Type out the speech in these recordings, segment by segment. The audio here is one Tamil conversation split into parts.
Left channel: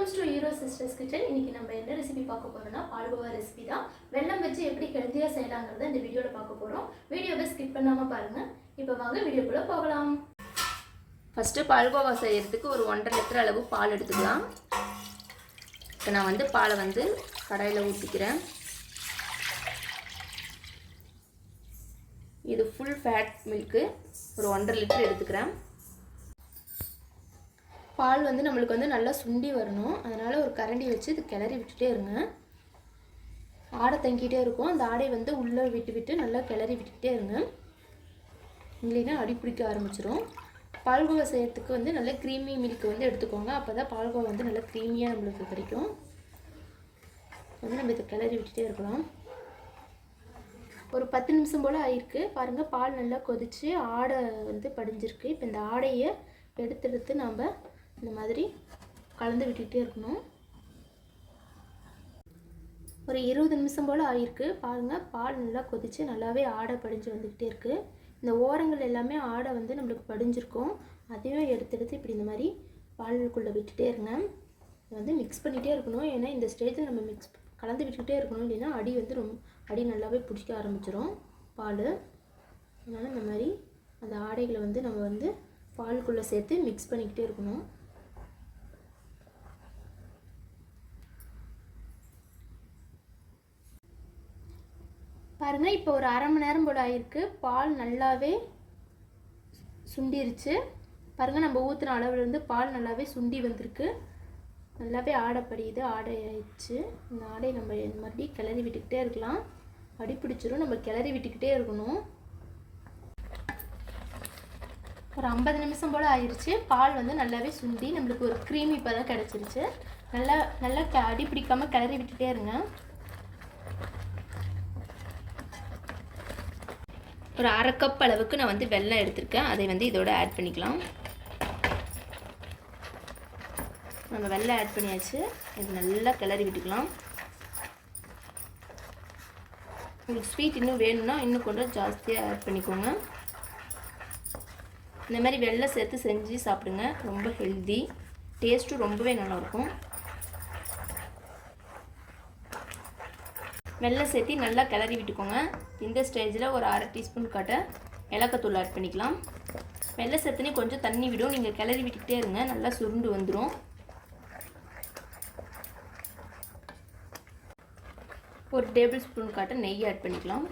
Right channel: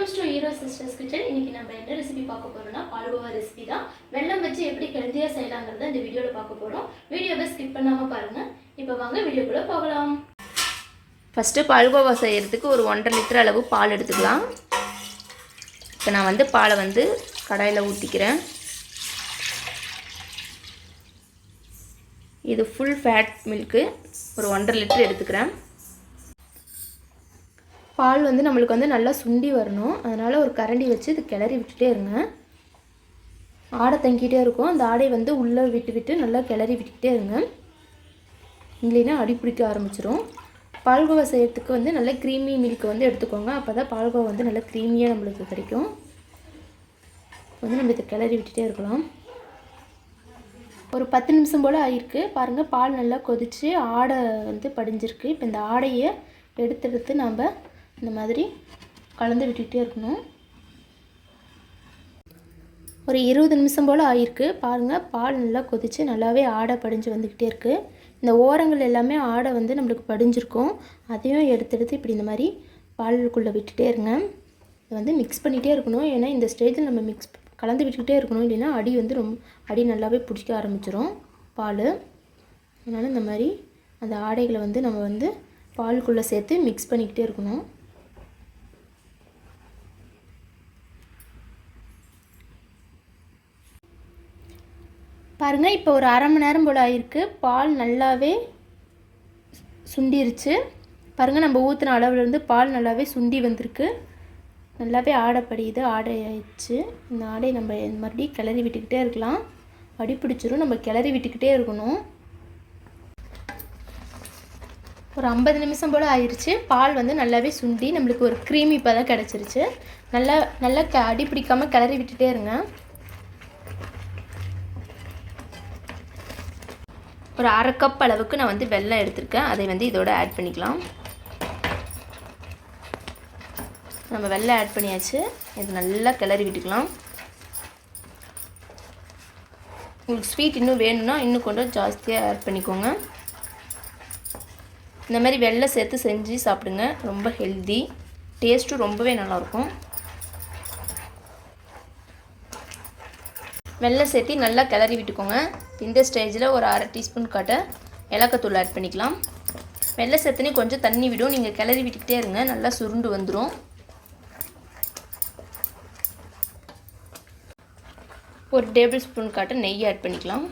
Welcomes to hero sisters kitchen. இன்னைக்கு நம்ம என்ன ரெசிபி பார்க்க போறோம்னா பால்கோவா ரெசிபி தான். வெல்லம் வச்சு எப்படி ஹெல்தியா செய்யலாம்ங்கறத இந்த வீடியோல பார்க்க போறோம். வீடியோவை ஸ்கிப் பண்ணாம பாருங்க. இப்போ வாங்க வீடியோக்குள்ள போகலாம். ஃபர்ஸ்ட் பால்கோவா செய்யறதுக்கு ஒரு 1.5 லிட்டர் அளவு பால் எடுத்துக்கலாம். இப்போ நான் பாலை கடாயில ஊத்திக்கிறேன். இது ஃபுல் ஃபேட் மில்க் ஒரு 1.5 லிட்டர் எடுத்துக்கிறேன். பால் நம்மளுக்கு நல்லா சுண்டி வரணும். அதனால் ஒரு கரண்டி வச்சு இது கிளறி விட்டுட்டே இருங்க. ஆடை தங்கிட்டே இருக்கும். அந்த ஆடை உள்ளே விட்டு நல்லா கிளறி விட்டுக்கிட்டே இருங்க. இல்லைன்னா அடி பிடிக்க ஆரம்பிச்சிடும். பால்கோவா செய்யறதுக்கு நல்ல க்ரீமி மில்க் எடுத்துக்கோங்க. அப்போ தான் பால்கோவா நல்லா க்ரீமியாக நம்மளுக்கு கிடைக்கும். நம்ம இதை கிளறி விட்டுட்டே இருக்கலாம். ஒரு 10 நிமிஷம் போல் ஆகிருக்கு. பாருங்கள், பால் நல்லா கொதித்து ஆடை படிஞ்சிருக்கு. இப்போ இந்த ஆடையை எடுத்து நம்ம இந்த மாதிரி கலந்து விட்டுக்கிட்டே இருக்கணும். ஒரு 20 நிமிஷம் போல் ஆகிருக்கு. பாருங்கள், பால் நல்லா கொதித்து நல்லாவே ஆடை படிஞ்சு வந்துக்கிட்டே இருக்குது. இந்த ஓரங்கள் எல்லாமே ஆடை நம்மளுக்கு படிஞ்சிருக்கும். அதையும் எடுத்து இப்படி இந்த மாதிரி பாலுக்குள்ளே விட்டுட்டே இருங்க. இதை மிக்ஸ் பண்ணிகிட்டே இருக்கணும். ஏன்னா இந்த ஸ்டேஜில் நம்ம கலந்து விட்டுக்கிட்டே இருக்கணும். இல்லைன்னா அடி அடி நல்லாவே பிடிக்க ஆரம்பிச்சிடும் பால். அதனால் இந்த மாதிரி அந்த ஆடைகளை நம்ம பாலுக்குள்ளே சேர்த்து மிக்ஸ் பண்ணிக்கிட்டே இருக்கணும். பாருங்கள், இப்போ ஒரு அரை மணி நேரம் போல் ஆகிருக்கு. பால் நல்லாவே சுண்டிருச்சு. பாருங்கள், நம்ம ஊற்றின அளவுலேருந்து பால் நல்லாவே சுண்டி வந்திருக்கு. நல்லாவே ஆடை படியுது. ஆடை ஆயிடுச்சு. இந்த ஆடையை நம்ம மறுபடியும் கிளறி விட்டுக்கிட்டே இருக்கலாம். அடி பிடிச்சிரும். நம்ம கிளறி விட்டுக்கிட்டே இருக்கணும். ஒரு 50 நிமிஷம் போல் ஆயிடுச்சு. பால் நல்லாவே சுண்டி நம்மளுக்கு ஒரு க்ரீமி பதம் கிடச்சிருச்சு. நல்லா அடி பிடிக்காமல் கிளறி விட்டுட்டே இருங்க. ஒரு அரை கப் அளவுக்கு நான் வெல்லம் எடுத்திருக்கேன். அதை இதோட ஆட் பண்ணிக்கலாம். நம்ம வெல்லம் ஆட் பண்ணியாச்சு. இது நல்லா கிளறி விட்டுக்கலாம். உங்களுக்கு ஸ்வீட் இன்னும் வேணும்னா இன்னும் கொஞ்சம் ஜாஸ்தியாக ஆட் பண்ணிக்கோங்க. இந்த மாதிரி வெல்லம் சேர்த்து செஞ்சு சாப்பிடுங்க. ரொம்ப ஹெல்தி, டேஸ்ட்டும் ரொம்பவே நல்லாயிருக்கும். வெல்லம் சேர்த்து நல்லா கிளறி விட்டுக்கோங்க. இந்த ஸ்டேஜில் ஒரு அரை டீஸ்பூன் காட்ட ஏலக்காய்த்தூள் ஆட் பண்ணிக்கலாம். வெல்லம் சேர்த்துனே கொஞ்சம் தண்ணி விடும். நீங்கள் கிளறி விட்டுக்கிட்டே இருங்க. நல்லா சுருண்டு வந்துடும். ஒரு டேபிள் ஸ்பூன் காட்ட நெய் ஆட் பண்ணிக்கலாம்.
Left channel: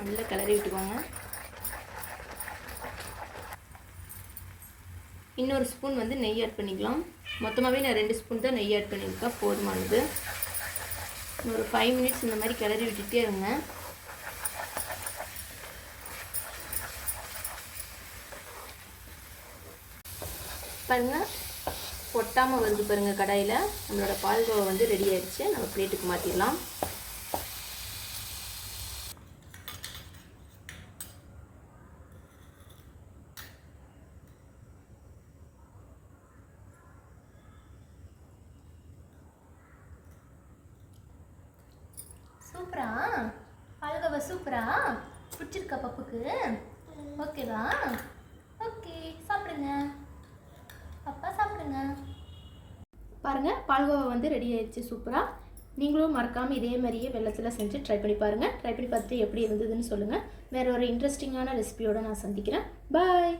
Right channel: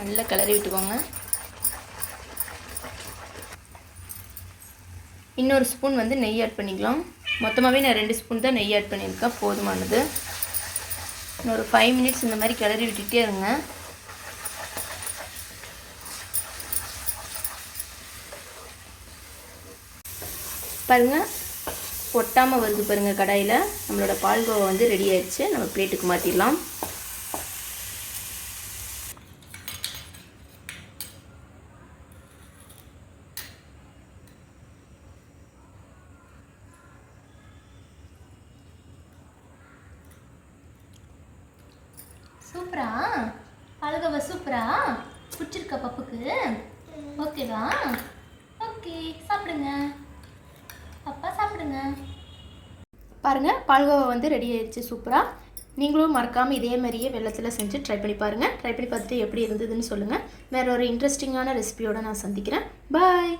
நல்லா கிளறி விட்டுக்கோங்க. இன்னொரு ஸ்பூன் நெய் ஆட் பண்ணிக்கலாம். மொத்தமாகவே நான் 2 ஸ்பூன் தான் நெய் ஆட் பண்ணியிருக்கேன். போதுமானது. இன்னொரு 5 மினிட்ஸ் இந்த மாதிரி கிளறி விட்டுகிட்டே இருங்க. பாருங்கள், ஒட்டாமல் வருது பாருங்கள். கடாயில் நம்மளோட பால்கோவா ரெடி ஆயிடுச்சு. நம்ம பிளேட்டுக்கு மாற்றிடலாம். சூப்பரா பால்கோவா சூப்பரா பிடிச்சிருக்கா பப்புக்கு? ஓகேவா? ஓகே, சாப்பிடுங்க அப்பா, சாப்பிடுங்க. பாருங்கள், பால்கோவா ரெடி ஆயிடுச்சு சூப்பராக. நீங்களும் மறக்காமல் இதே மாதிரியே வெல்லத்தில் செஞ்சு ட்ரை பண்ணி பாருங்கள். ட்ரை பண்ணி பார்த்துட்டு எப்படி இருந்ததுன்னு சொல்லுங்கள். வேறு ஒரு இன்ட்ரெஸ்டிங்கான ரெசிபியோடு நான் சந்திக்கிறேன். பாய்.